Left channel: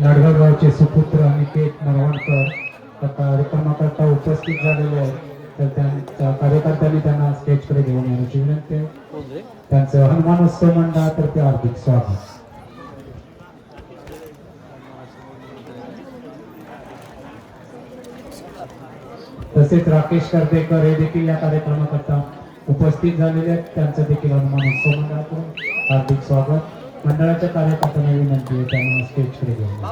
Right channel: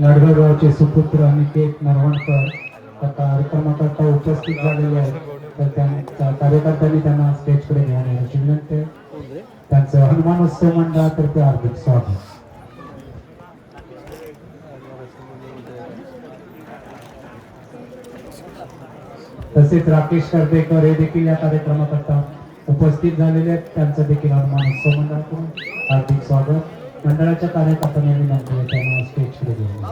लाडगावचे सुपुत्र अनिकेत नरवणकर आता कार्यक्रमाकरता उपस्थित झालेले आहेत, तर त्यांच्या कार्यकर्त्यांनी त्यांना स्टेजकडे घेऊन येण्याची विनंती आहे. त्यांचं हनुमानोत्सव मंडळातर्फे हार्दिक स्वागत. तसेच राकेश कर्देकर हे देखील या कार्यक्रमाकरता उपस्थित झालेले आहेत, त्यांचं देखील हनुमानोत्सव मंडळाकडून हार्दिक स्वागत. मंडळाच्या कार्यकर्त्यांनी विनंती आहे त्यांना स्टेजकडे घेऊन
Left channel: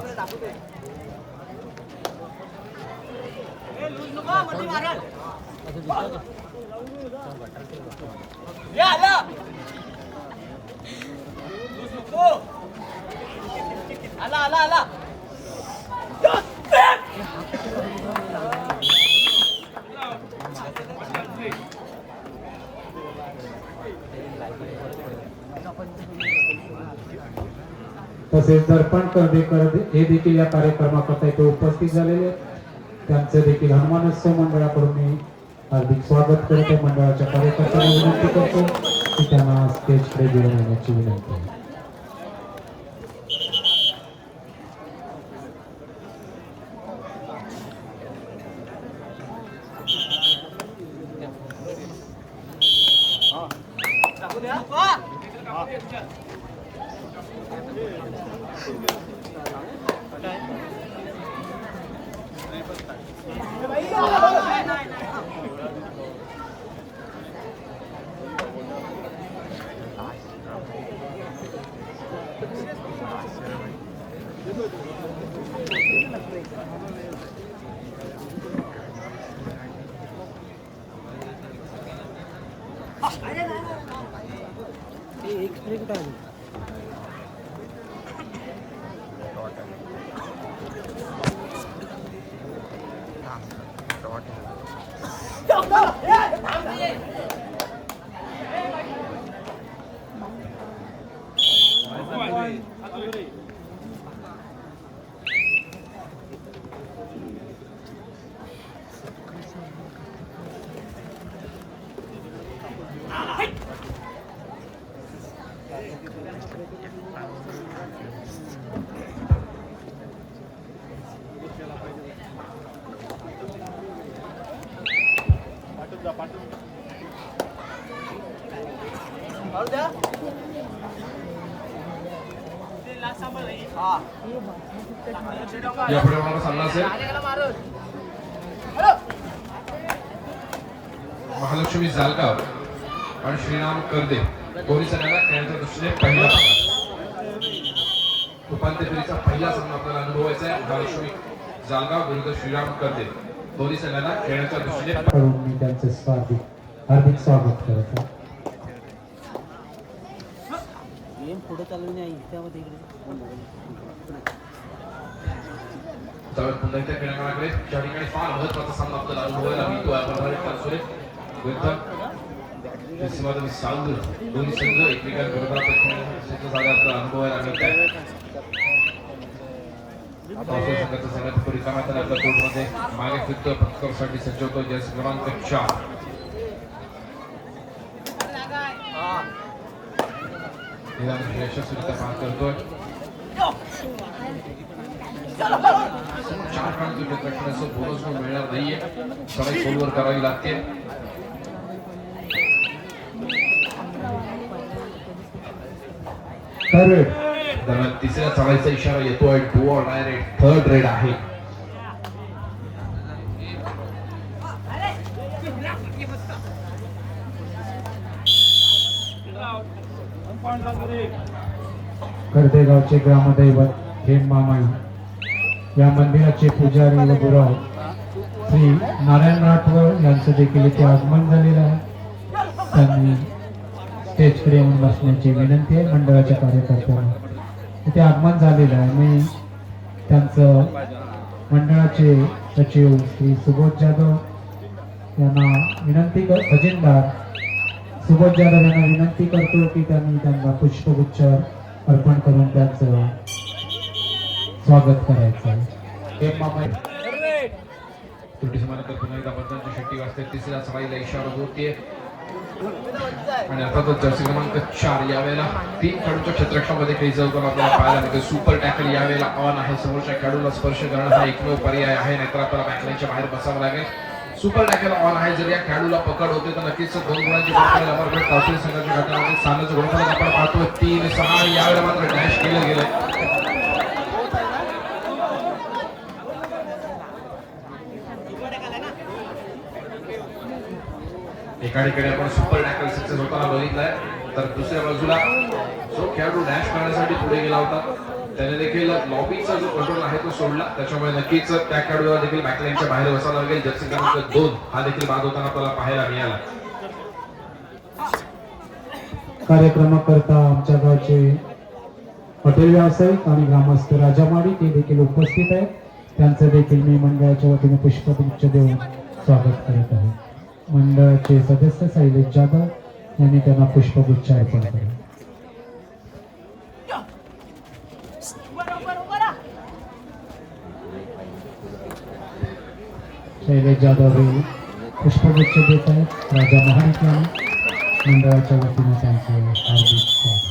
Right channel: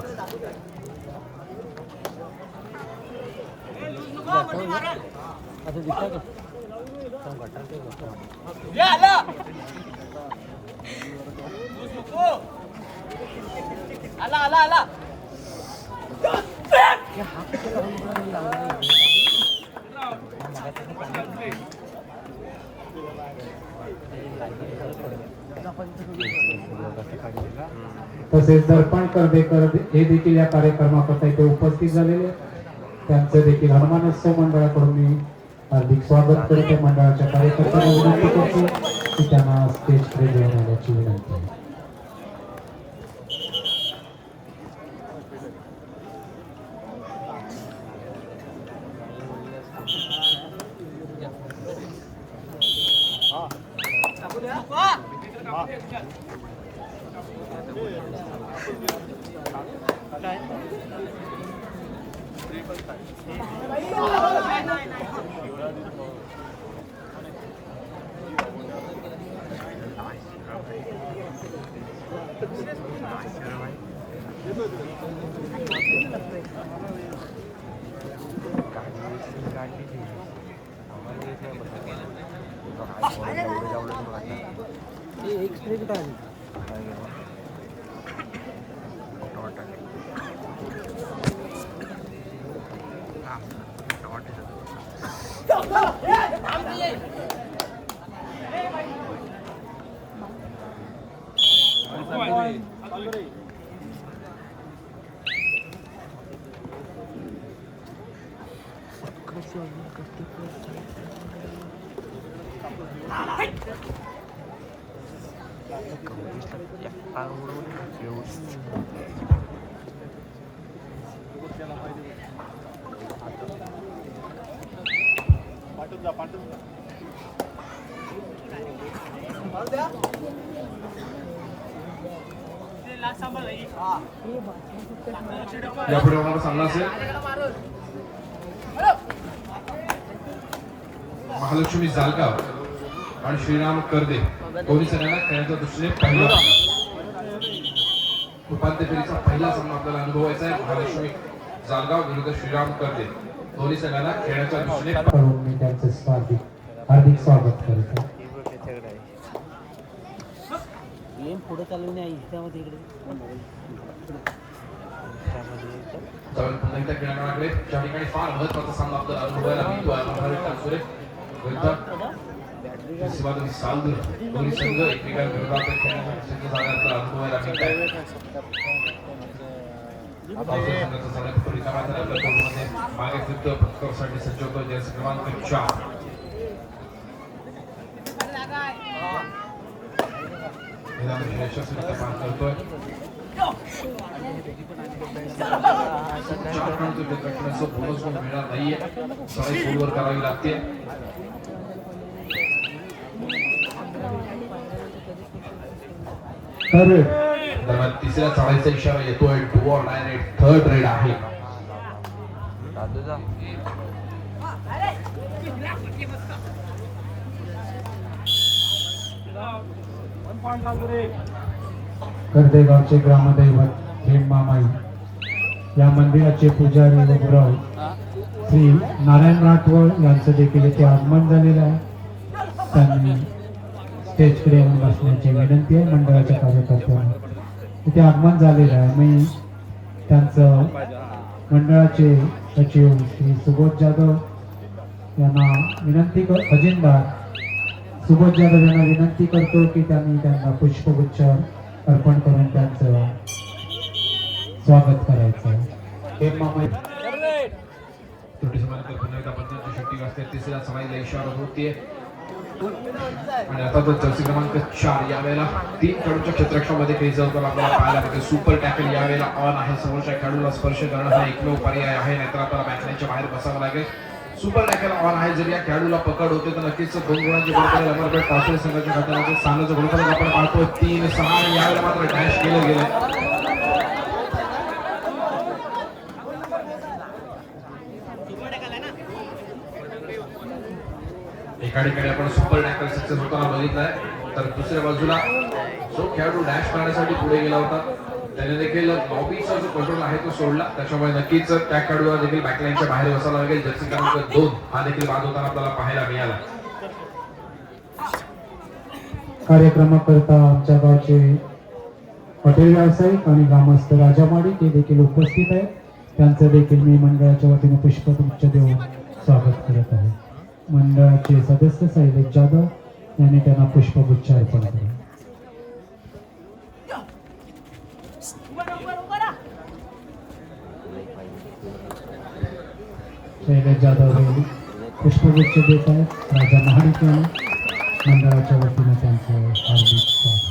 तसेच दर्पण कर्देकर हे देखील या कार्यक्रमाकरता इथे उपस्थित झालेले, त्यांचं देखील हनुमानोत्सव मंडळाकडून मी हार्दिक स्वागत करते. मंडळाच्या कार्यकर्त्यांना विनंती करतो की त्यांना स्टेजकडे घेऊन येण्याची विनंती आहे. महालक्ष्मी जालगाव आणि श्रीराम कर्दे दोन्ही संघाला खेळण्याच्या दृष्टीने पहिला उपांत्य फेरीचा पहिला सामना आपल्याला अनुभवायचा आहे. महालक्ष्मी जालगाव विरुद्ध श्रीराम कर्दे दोन्ही संघाला खेळण्याच्या दृष्टीने त्यांचे हार्दिक स्वागत करतो. पुढे चालू नाही त्यामध्ये इकडे पुन्हा एकदा खेळण्याकडे ज्या ठिकाणी फार महत्वाचा सामना आपल्याला अनुभवायला मिळतो. दोन्ही संघ एकमेकांविरोधात अनुभवायला मिळत आहे. संघाचा भागासाठी सज्ज होतो जर्सी क्रमांक 4 यशस्वीरित्या पार करतोय 4 खेळाडू जिंकण्याचं बोनस मिळणार नाहीये पण एक गोल करावी लागते दरम्यान तिसऱ्या चाळीचा इशारा येतोय do or die red third red आहे कर्देगावचे ग्रामदैवत हेमामाई या मंदिराचे पुजारी व गुरव श्री नारायण राठोड यांचं देखील इथे आगमन झालेलं आहे. त्यांनी स्टेजकडे येऊन बसण्याची विनंती आहे मंडळाच्या कार्यकर्त्यांना. इथे आगमन झालेलं आहे. मी त्यांचं मंडळाचे सचिव श्री सुबोध जाधव यांना विनंती खजिनदार सुबोध जाधव यांना विनंती करतो की त्यांना पुष्पगुच्छ अर्पण करून त्यांचं स्वागत करायचं आहे. शेट्टी वाजते तिसऱ्या सराईला इशारा होतीये आणि आता तो जर्सी क्रमांक 4 यावेळेला 3 खेळाडूच्या क्षेत्ररक्षणामध्ये क्रीजवर पण आपल्याला पाहायला मिळते. सुपर टॅकल यावेळेला ऑन आहे. समोरच्या खेळाडूला स्पर्श करणं हा एकमेव पर्याय आहे नाहीतर आपल्याला बॅकलाईनच्या बाहेर बसावं लागेल. सुपर टॅकल ऑन आहे. जर या खेळाडूला पकड होते तर नक्कीच 2 गुणांची पावसाळी संघाच्या गटामध्ये स्थानाचं गोल आपण पाहतो 3-6 यावेळेला मात्र डॅश केलं गेलं. एका ठिकाणी आपण सुपर टॅकल सक्सेस होताना बघितलाय तर दुसऱ्या बाजूला जो खेळाडू डॅश करण्यासाठी पुढे गेला होता त्याने देखील लॉबीचा जो कंट्रोल आहे तो सोडला. त्याच्यामुळे नक्कीच त्या खेळाडूला देखील बॅकलाईनच्या बाहेर बसावं लागेल. जर्सी क्रमांक 2 हा देखील बाद होताना आपल्याला पाहायला मिळाला. कार्यक्रमाकरता आमच्या गावचे हॉटेल व्यावसायिक आणि ग्रामस्थ राजा माडिक हे देखील उपस्थित आहे. त्यांचं देखील मी मंडळाच्या वतीने पुष्पगुच्छ देऊन स्वागत करत आहे. मंडळाचे सदस्य शैलेश जाधव यांनी त्यांना पुष्पगुच्छ अर्पण केला. शैलेश जाधव हे पुष्पगुच्छ देत आहेत. राजा महाडिक यांनी मंडळाच्या वतीने त्यांचे हार्दिक स्वागत.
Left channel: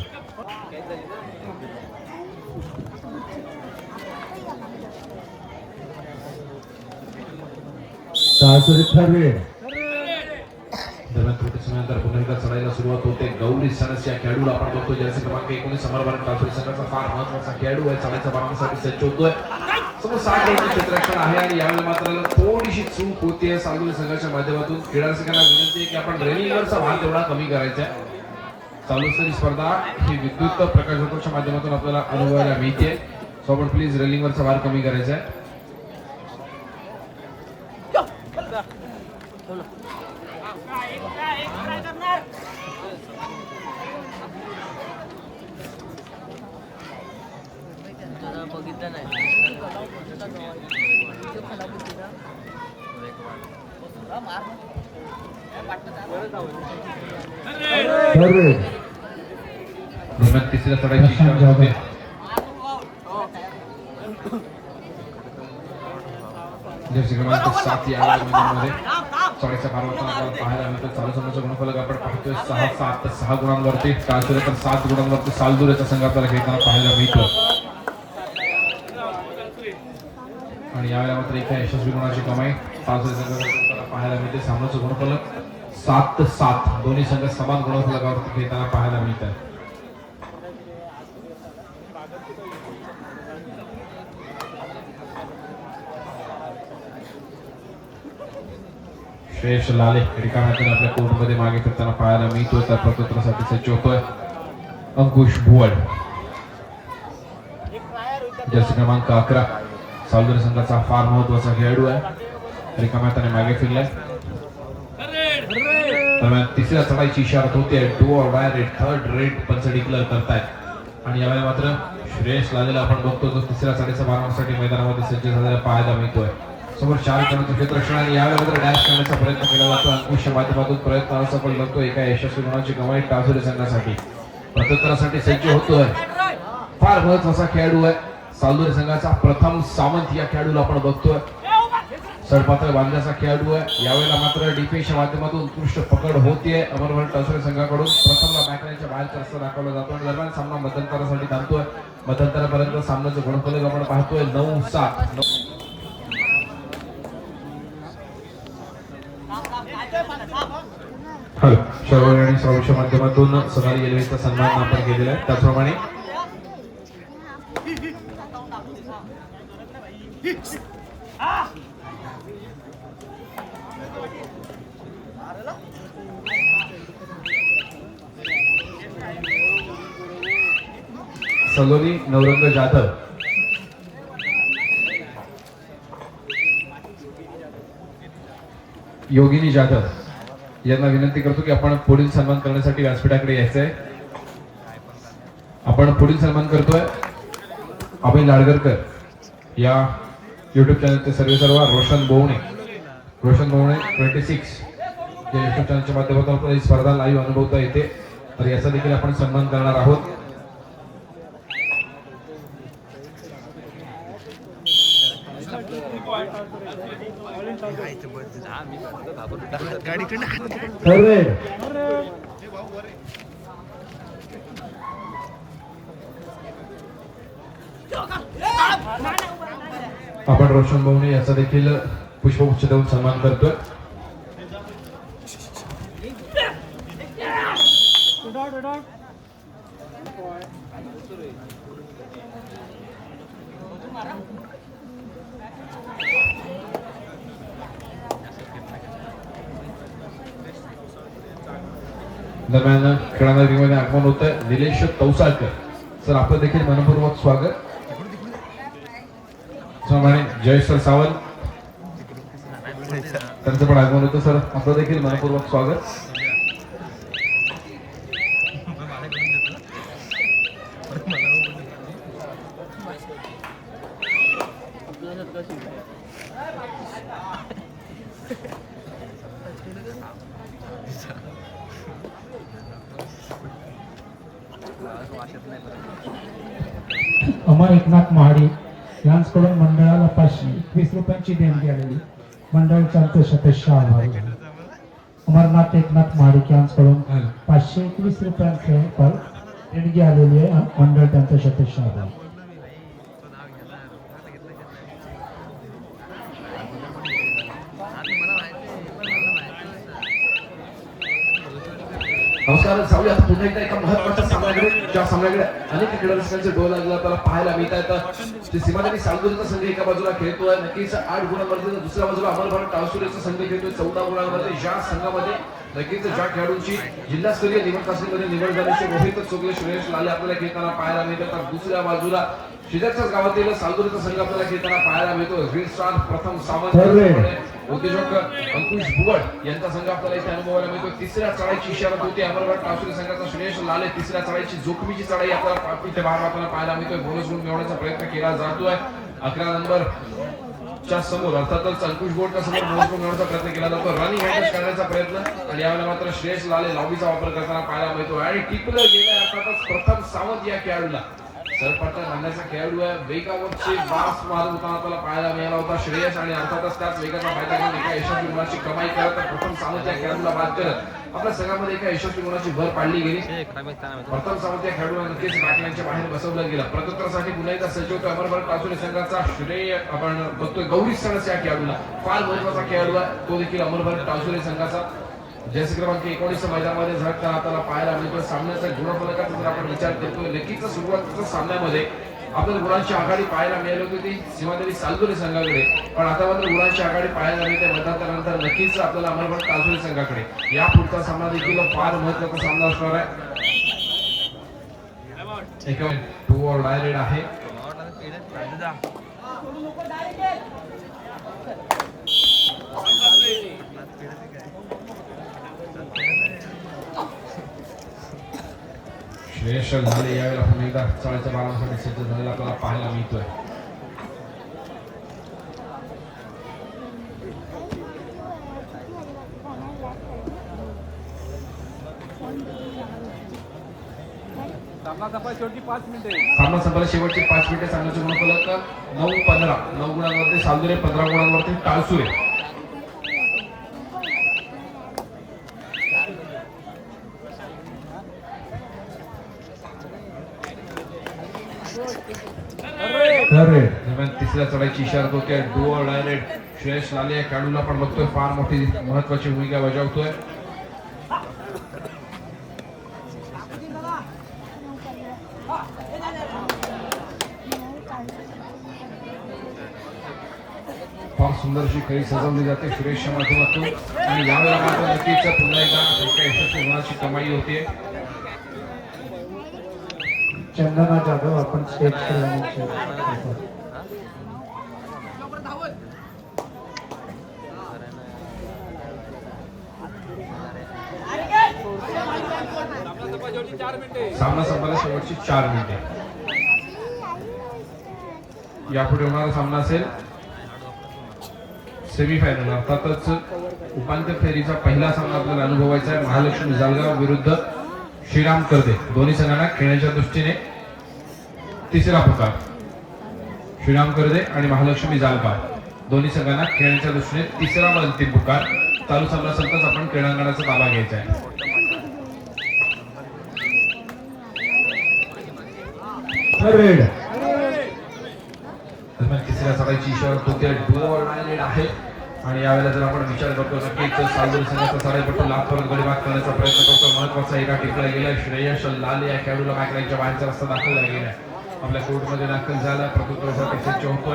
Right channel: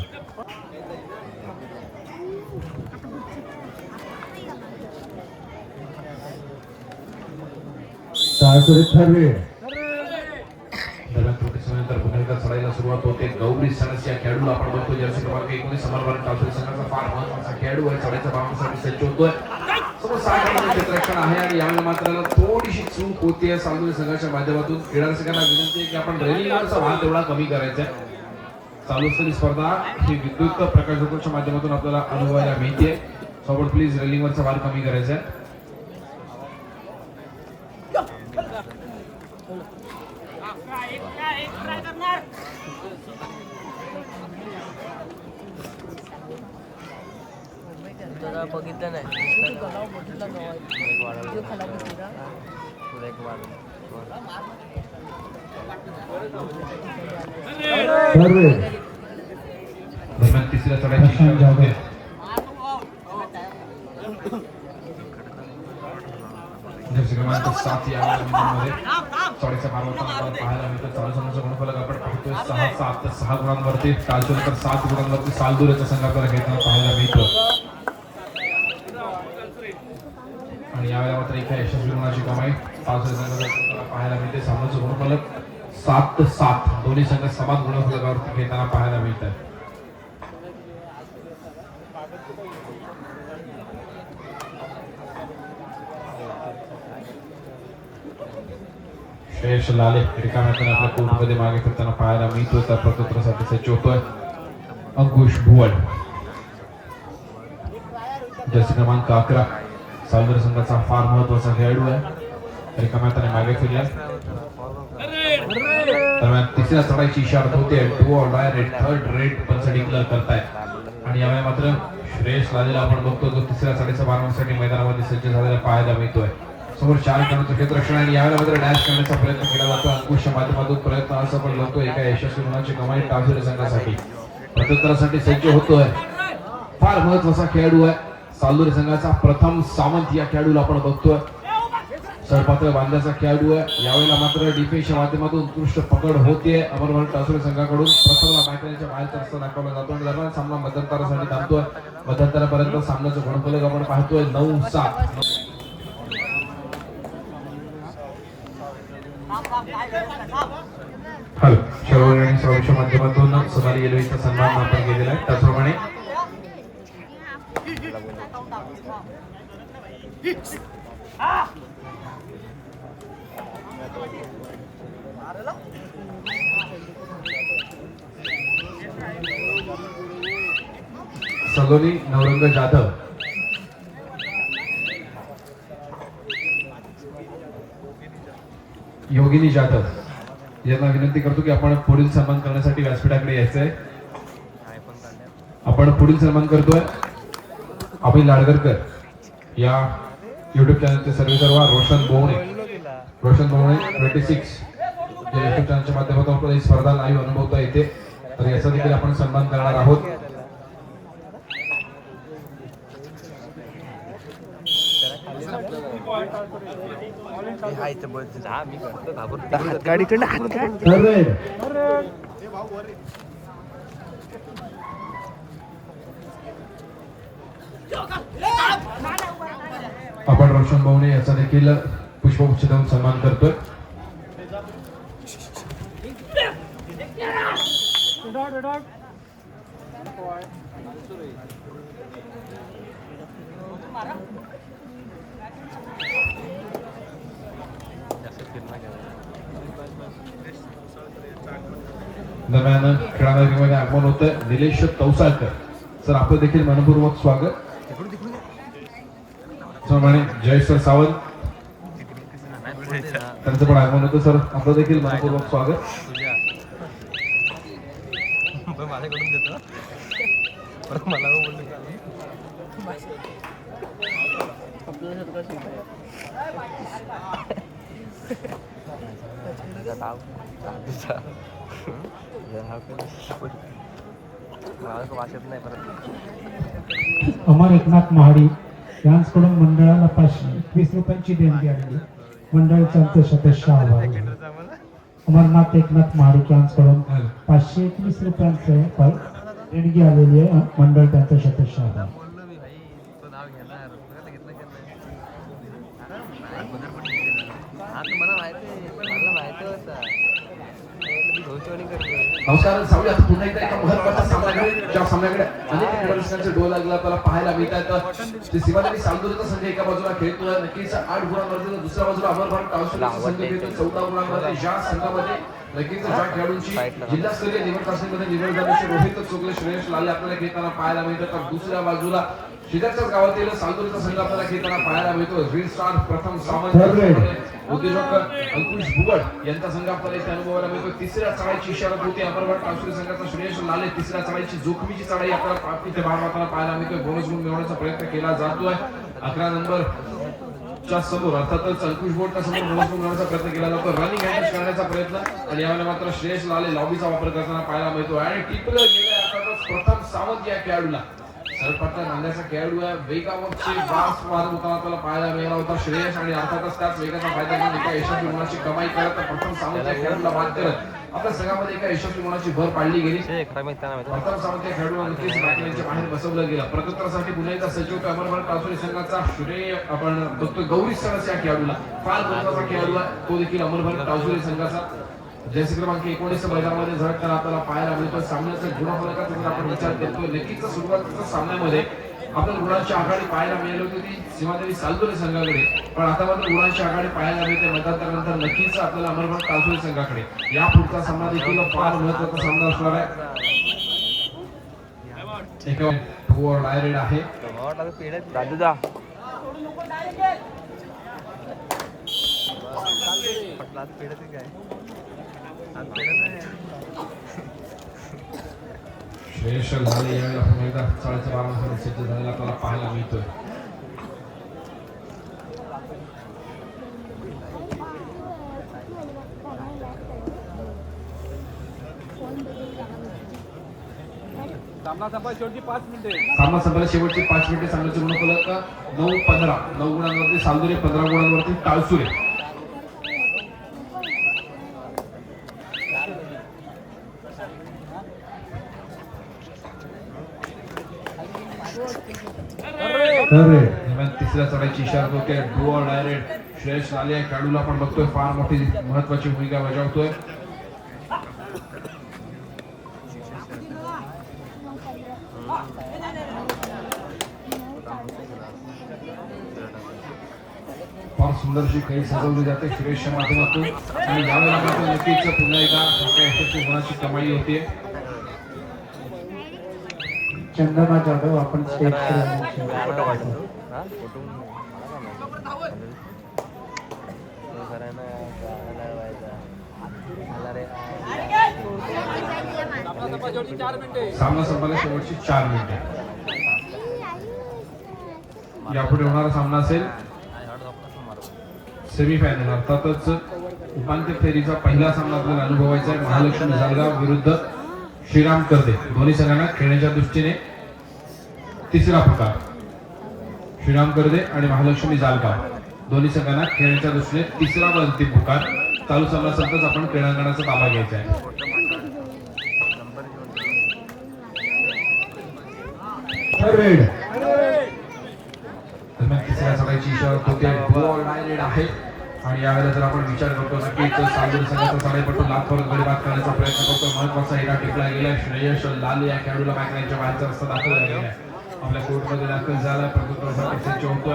चढायला सुरुवात होते. गौरी सनस या खेळाडूला आपण बघतो जर्सी क्रमांक 19 समर्पण कासरी संघाचा फार महत्त्वाचा खेळाडू आहे. चढायच्या बाबतीसाठी सज्ज होतोय. समोर 7 रनचे क्षेत्ररक्षण आहे आणि यावेळी मात्र थोडीशी चूक होतीये सालुरी संघाच्या माध्यमातून. क्रीडा रसिकांना विनंती आहे की आपण रनिंगवरचा भार थोडा कमी करायचा. चालू स्पर्धा ही विद्युत प्रकाशनाच्या माध्यमातून आपल्याला अनुभवायला मिळते. सो आपण प्लीज रेलिंगवरचा भार कमी करायचा आहे. बघितलं नाही तिसऱ्या चढाईची जर्सी क्रमांक 7 या मध्ये चढाईचा पाहायला मिळतो. चालू संघाचं गुणफलक आपण पाहतोय 6 गुणांवरती. कालसुरकर 7 गुणांवरती सालदुरेचा संघ आपल्याला खेळताना पाहायला मिळतो. आणि यावेळेला मात्र एका यशस्वी गुणाची कमाई सालदुरे संघाला पाहायला मिळते. सामन्याचं गुणफलक 7-7 दोन्ही संघ समान गुणफलकावरती खेळताना पाहायला मिळतात. श्रेयश लाले रिकाम्यातून आपल्या कोर्टमध्ये मागे फिरताना पाहायला मिळतो. त्या प्रत्युत्तरासाठी सज्ज होतोय अंकुश भुवड. जर्सी क्रमांक 11 सालदर संघाचा फार महत्वाचा खेळाडू आहे. रिकाम्यातून मागे फिरला. तिसऱ्या चढाईची इशारा होते. Do or die red third red पंच डिक्लेअर करतायत आणि यावेळी मात्र श्रेयश लालेला आपण बघतो जो तिसऱ्या चढाईच्या भागासाठी मैदानामध्ये सज्ज झालेला पाहायला मिळतोय. समोर 4 खेळाडूंचे क्षेत्ररक्षण आणि यावेळेला मात्र डॅश करण्याचा प्रयत्न केला होता. अंकुशच्या माध्यमातून प्रयत्न सफल होतो. एका यशस्वी गुणाची कमाई कासुरी संघासाठी. प्रत्युत्तरासाठी सज्ज होतोय. फार महत्वाचा खेळाडू आहे. सालदुरी संघाचा प्रथम सावंत या खेळाडूला आपण बघतोय. सडपातळ बांधण्याचा खेळाडू आहे. यावेळेला मात्र डिफेन्सच्या माध्यमातून उत्कृष्ट पकड होते. अमरवाड टासुरे संघाकडून प्रथमला मॅटरच्या बाहेरचा रस्ता दाखवला जातो. दरम्यान सामना मध्यंतरासाठी धावतोय. मध्यंतरापर्यंत सामन्याचं गुणफलक आपण पाहतोय 9-7. हॅलो शहर आणि संरक्षण माध्यमातून सदारी रेल्वेचा सन्मान आपण केलेला आहे. त्याचप्रमाणे सलोनी नवरंग जाधव योगिनी जाधव यांना विनंती करतो की आपण पुढील सन्मान करण्यासाठी व्यासपीठाकडे यायचंय. आपण पुढील सन्मान करतोय अभि लाडगरकर या युट्यूब चॅनलचे सर्व रोशन बोवणे 26 या युट्यूब चॅनलच्या माध्यमातून आपण ही स्पर्धा लाईव्ह अनुभवता येते. तर याचा देखील आपण सन्मान करणार आहोत. गाडीकडे हात काय आपण रोशन बोवणे याचा देखील पुष्पगुच्छ देऊन सन्मान करतोय. दरम्यान खेळाडू रिंगणात आगमन होत आहे निलेश तौसाळकर सर आपलं देखील मनपूर्वक स्वागत. त्याचप्रमाणे जयेश सावंत त्यांचं पण आगमन होतं सर आपलं देखील मनपूर्वक स्वागत. अमर एकनाथ महाडी यांच्याकडून मंडळाला 521 रुपयांची देणगी आलेली. मंडळाचे आमचे सदस्य आभार. अमरनाथ एकनाथ महाडिक यांच्याकडून 521 रुपयांचे देणगी आलेली आहे. मंडळ त्यांचे सदस्य आभार. नमस्कार सावल्या पुन्हा एकदा एका महत्त्वाच्या सामन्याकडे ज्या सामन्याकडे अनेक खेळाडूंचे डोल लागला त्याला पाहायला मिळत आहेत. ते सीमादारी सालगुरचा संघ एका बाजूला खेळतोय नक्कीच 8 गुणांमध्ये दुसऱ्या बाजूला अमरभारत टावसुरेचा संघ खेळतोय 14 गुणांमध्ये. ज्या संघामध्ये नक्कीच ज्या खेळाडूंची जिल्हास्तरीय निवड तासामध्ये निवड झाल्याची रोहित चुगले श्रेयस लाले आपल्याला खेळताना पाहायला मिळतो. तर दुसऱ्या बाजूला शेजारच्या गावातील सालगुरचा संघ आपल्याला खेळताना पाहायला मिळतो. रीड स्टार प्रथम सामना उद्योजक अंकुश भुवड यांचा संघ आपल्याला इथे अनुभवायला मिळतो. तिसऱ्या चढाईची इशारा होती अमरभारत टासुरे संघाचा श्रेयस लाले तिसऱ्या चढाईची जोखमीची चढाई आपल्याला इथे आपल्याला पाहायला मिळतोय. बोनस गुण मिळवण्याचा प्रयत्न केला जातोय. 11 नंबर च्या समोर अर्थातच अंकुश भुवडच्या समोर बोनस गुण मिळवण्याचा प्रयत्न केला जातो. रनिंग हँडल्स करण्याचा प्रयत्न आणि यावेळेला मात्र श्रेयस लाले लांबीचा वापर करताना पाहायला मिळतो आणि टिपलं गेल्या अर्थातच प्रथम सावंत या खेळाडूला सरपटन मारण्याचा खेळाडू आहे. वेगावरचे बास मारून आपल्याला पाहायला मिळाला होता श्रेयस आणि अर्थातच त्याच वेगाचा फायदा घेऊन एका यशस्वी गुणाची कमाई करत प्रथम सावंत या खेळाडूला बाद करत आपल्या संघामध्ये एका यशस्वी गुणाची भर पाडली गेली. प्रथम सावंत या खेळाडूला नक्कीच राखण्याच्या बाहेर बसवलं गेलं. प्रत्युत्तरासाठी पुन्हा एकदा सचिव अमरभारत टासुरे संघाचा श्रेय आपण बघतोय. गौरी सरस या खेळाडूला फार महत्वाचा खेळाडू आहे तो देखील अमरभारत टासुरे संघाचा जर्सी क्रमांक 19 मैदानामध्ये झळकताना आपल्याला पाहायला मिळतो. सामन्याच्या गुणफलकाचा जर आपण विचार करतोय नक्कीच सुरुवातीच्या सामन्यामध्ये आपण गुणांची आघाडी पाहायला मिळाली होती ती सीमादेवी सालगुरे संघाकडे. पण आता मात्र गुणांची आघाडी पाहायला मिळते. नंतर नक्कीच आपल्याला अमरभारत टासुरे संघाकडे. या पुढचा सामना देखील फार महत्त्वाचा सामना असणार आहे. एक ओव्हर डायरेक्ट आहे. श्रेयस लाले यावेळेला पुन्हा एकदा चाळीच्या बाणासाठी सज्ज झालेला आपल्याला पाहायला मिळतोय. सामना संपला शेवटची 5 मिनिटे सामन्याचे गुणफलक 9-15 9 गुणांवरती सालदुरे 15 गुणांवरती टाळसुरे दरम्यान तिसऱ्या चढाईची इशारा होते डुअर डायरेक्ट श्रेयस लाले खेळाडूला पण बघतोय फार मोठी महत्वाची भूमिका बजावतोय फार सुंदरशी खेळी सजवली जाते सुरेशच्या माध्यमातून आणि यावेळेला मात्र नक्कीच पुन्हा एकदा मोठ्या यशाची होण्याची कमाई होते चंदना जाधव आपण स्टेज सामना संपायला शेवटची 4 मिनिटे यापुढे होणारा सामना असेल सेमीफायनल अर्थातच उपांत्य फेरीचा पहिला सामना आपल्याला अनुभवायचा आहे महालक्ष्मी जळगाव विरुद्ध श्रीराम कर्दे दोन्ही संघांना खेळण्याच्या दृष्टीने तिसरा प्रकार श्रीराम कर्दे आणि महालक्ष्मी जळगाव दोन्ही संघांना खेळण्याच्या दृष्टीने तिसरा व अंतिम पुकार चालू सामना संपताच आपण क्रीडांगणाचा ताबा घ्यायचा आहे तिसऱ्या सराईची इशारा होते बॉल लाईन आहे आणि यावेळेला जर आपण विचार करतो की सालदुरे संघाचा साडेपटू लाखभर गडी बाद करण्याचा प्रयत्न करतो महत्वाचा एका टिकला गेला श्रेयस लाले या खेळाडूला काय करायच्या बाहेरचा रस्ता दाखल झालेला आहे आपल्या कोर्टमध्ये दाखल झाला प्रभुत्वासाठी होतो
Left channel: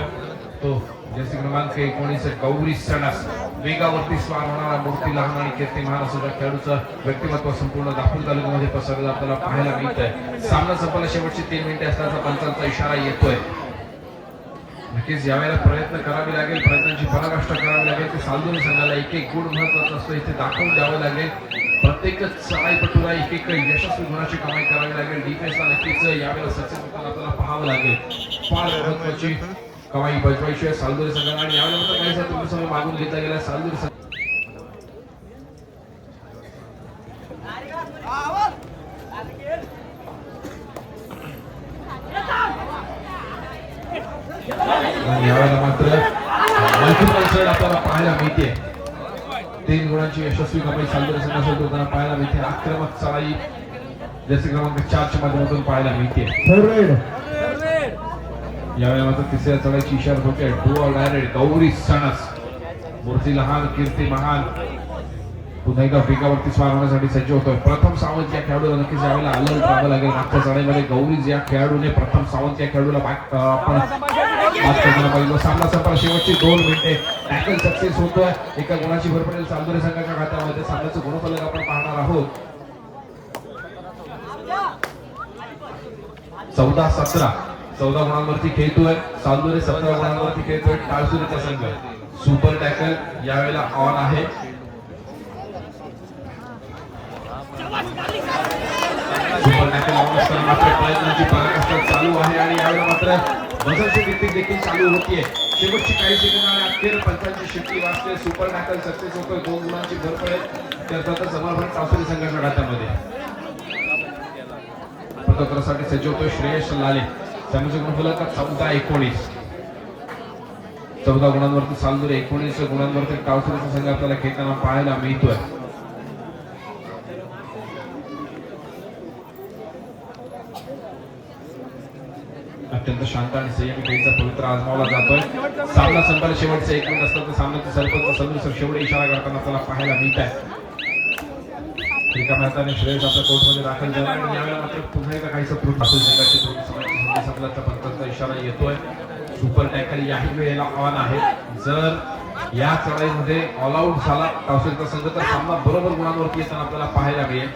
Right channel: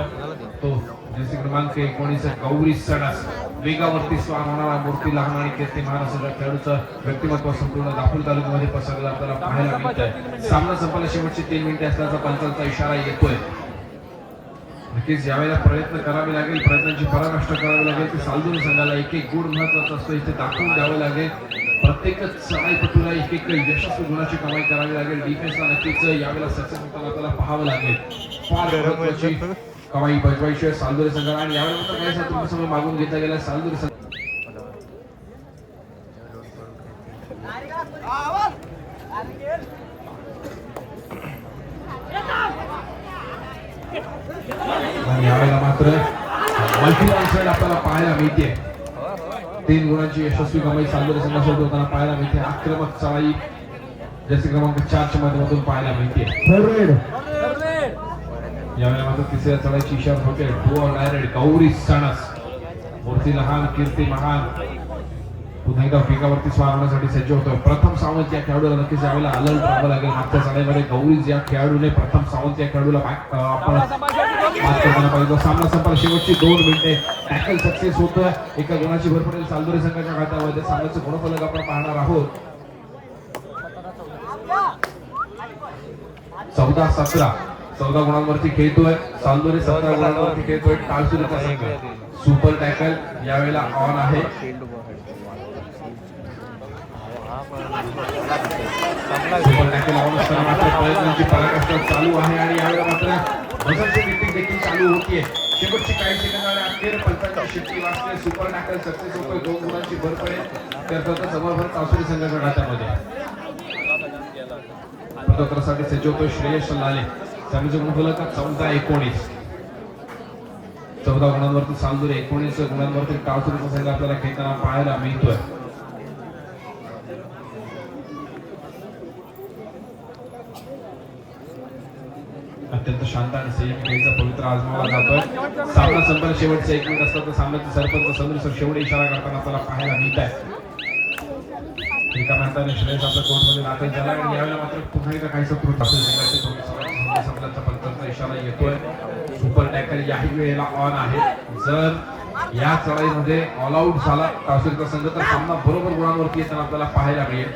तो जर्सी क्रमांक 19 गौरी सणास वेगावरती स्वार होणारा मूर्ती लहान आणि कीर्तिमान असं खेळाडूचं व्यक्तिमत्व संपूर्ण दाखल तालुक्यामध्ये पसरलेलं आपल्याला पाहायला मिळत आहे सामना संपला शेवटचे 3 मिनिटे असल्याचा पंचांचा इशारा येतोय नक्कीच यावेळेला प्रयत्न करावे लागेल प्रयत्नांची पराकाष्ठा करावी लागेल ते सालदुरे संघाला एक एक गुण महत्वाचा असतो इथे दाखवून द्यावं लागेल प्रत्येक चढाईपटूला एक एक यशस्वी गुणाची कमाई करावी लागेल डिफेन्सला नक्कीच यावेळेला सक्सेस होताना आपल्याला पाहावं लागेल फार महत्वाची कमाई बजवायची आहे सालदुरे संघाला आणि यावेळेला तुमच्यासमोर मागून घेतला गेला सालदुरे संघ यावेळेला मात्र आपल्याला पाहायला मिळते 3 गुणांची यशस्वी कमाई सालदुरे संघासोबत होताना पाहायला मिळते आक्रमक चढाई जसे क्रमांक 4 च्या माध्यमातून पाहायला मिळते यावेळेला मात्र तिसऱ्या चढाईची इशारा होते डुअर डायरेक्ट गौरी सणस मूर्ती लहान कीर्ती महान पुन्हा एकदा वेगावरती स्वार होण्यासाठी सज्ज होतोय प्रथम सावंत या खेळाडूला नक्कीच यावेळेला आलं टाकावं लागेल मागच्या चढाईमध्ये गौरीज या खेळाडूने प्रथम सावंत या खेळाडूला आपण सामना संपला शेवटची 2 मिनिटे टॅकल सक्सेस होतोय एका गुणाची भर पडेल सालदुरे संघाच्या खात्यामध्ये सामन्याचं गुणफलक आपण पाहणार आहोत 14 गुणांवरती खेळतोय सालदुरे 17 गुणांवरती खेळतोय टाळसुरेचा संघ सुपर टॅकल यावेळेला ऑन आहे सुपर टॅकल ऑन असताना आपल्या प्रयत्नांची पराकाष्ठा चालू आहे आणि यावेळेला मात्र वजनची टिकटिक देखील चालू होतीये शेवटची काही सेकंद आणि अखेर पंचांची शिट्टी वाजते सुपर टॅकल सक्सेस होतोय 2 गुणांची भर पडेल तर समाधान टाळसुरे संघाच्या खात्यामध्ये प्रथमसाठी सज्ज होतोय श्रेयस लाले संघाचे गुणफलक 14-19 14 गुणांवरती सालदुरे 19 गुणांवरती टाळसुरेचा संघ आपल्याला खेळताना पाहायला मिळतोय अत्यंत शांत आणि संयमी खेळीचा पवित्र आजमावला जातोय सामना संपला शेवटचा 1 मिनिट असताना सामन्याचा सरपंच सदस्य शेवटी इशारा करताना आपल्याला पाहायला मिळत आहे एका मैदानी श्रेयस आपल्या कोर्टमध्ये दाखल झाला आणि यावेळेला मात्र पुन्हा एकदा काहीसा त्रुटी दाखल झाल्याची संपल्याचा पंचांचा इशारा येतोय सुपर टॅकल याही वेळेला ऑन आहे जर या चढाईमध्ये ऑल आउट झाला टाळसुरेचा संघ तर सामना बरोबर गुणांवरती येताना आपल्याला पाहायला मिळेल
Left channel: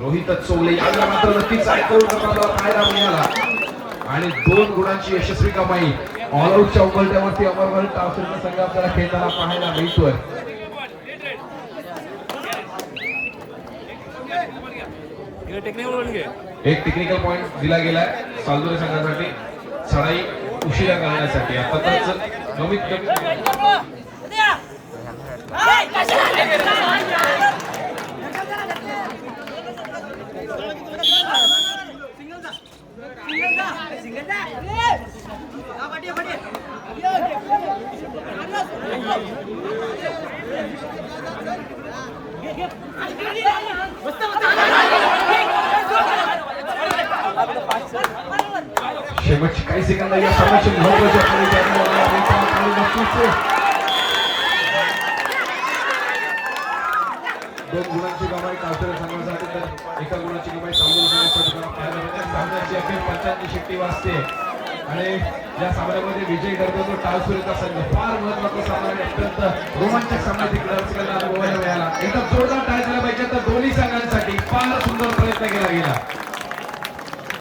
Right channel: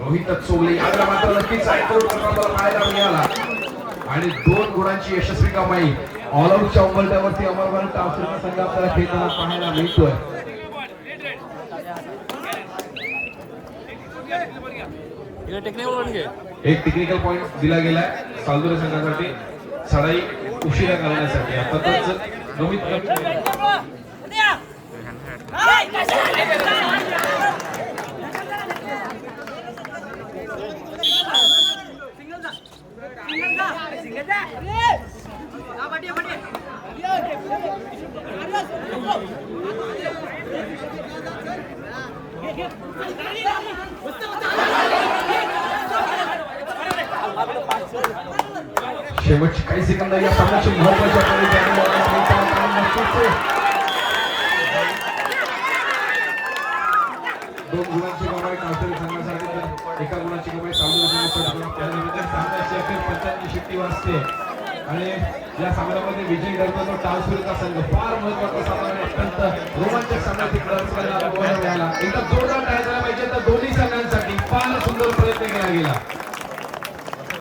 रोहित चोगले याला मात्र नक्कीच पाहायला मिळाला आणि 2 गुणांची यशस्वी कमाई ऑल आउटच्या उमलत्यावरती अमरवर टाळसुरेचा संघ आपल्याला खेळताना पाहायला मिळतोय एक टेक्निकल पॉइंट दिला गेलाय सालदुरे संघासाठी चढाई उशिरा करण्यासाठी अर्थातच शेवटचे काही सेकंद या सामन्याचे महत्त्वाचे दोन गुणांची कमाई काश्मीर संघासाठी तर एका गुणाची कमाई त्यानंतर सामन्याची अखेर 85 शिट्टीवर असते आणि या सामन्यामध्ये विजयी ठरतो तो टाळसुरेचा संघ फार महत्त्वाचा सामना अत्यंत रोमांचक